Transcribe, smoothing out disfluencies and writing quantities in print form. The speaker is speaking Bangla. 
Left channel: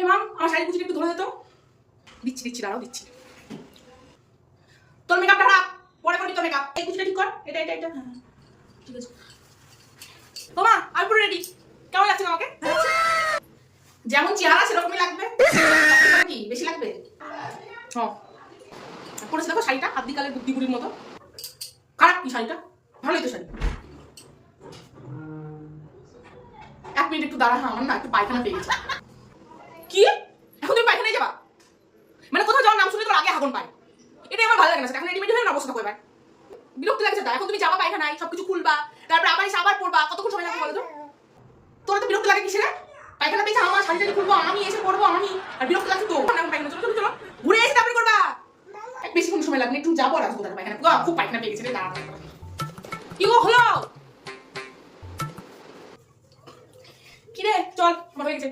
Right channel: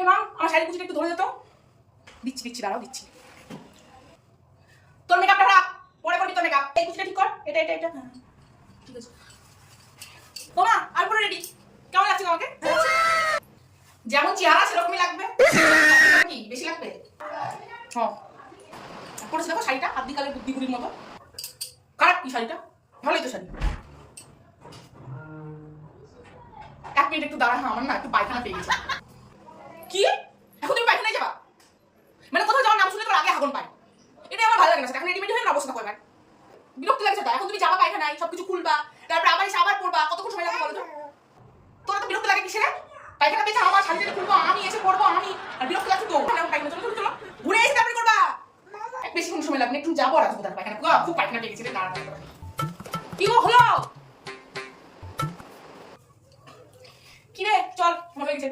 হে মাম, আমার শাড়ি কুচিটা একটু ধরে দে তো। দিচ্ছি দাঁড়াও দিচ্ছি। তোর মেকআপটা রাখ, পরে করবি তোর মেকআপ। এই কুচিটা ঠিক কর, এটা হ্যাঁ ঠিক আছে। ও মা, আমি পুরো রেডি। কেমন লাগছে আমাকে? যেমন চেহারা সেরকমই লাগবে। কি বেশি লাগবে? হ্যাঁ পরেছে দেখো শাড়িটা, আদিকালের বুদ্ধিগুলির মতো। খারাপ কি শাড়িটা? ভালোই তো শাড়ি। এক মিনিট একটু দাঁড়া, আমার না একটু পায়খানা পেয়ে গেছে। কি? এখন তুমি পায়খানায় যাবা? মানে কোথাও যাওয়ার নাম শুনে তোর আগে হাগন পায়। এটা আমার ভালো লাগে না। এখন রেডিমেড হয়ে না অবস্থা দেখো এবার। বিরক্তি লাগছে তা। এখন তুমি যাবা পায়খানায়, সবকিছু খুলবা, তারপর আবার এসে আবার পড়বা, কতক্ষণ সময় লাগবে বলো তো? তোর তো বিরক্তি লাগে কিসে রে? পায়খানা পেয়েছে আমার শান্তিতে খুলবো, আমি এসে পড়বো, আমি আর বিরক্তি লাগছে তো। পায়খানা চলো চলো ঘুরে এসে তারপরে করবা। বেশিক্ষণ সময় লাগবে, একটু যাবো আর আসবো। তার পায়খানা খুব পায়খানা পেয়ে গেছে রে। দাঁড়া কি হলো? কি রে চল, আমার হয়ে গেছে।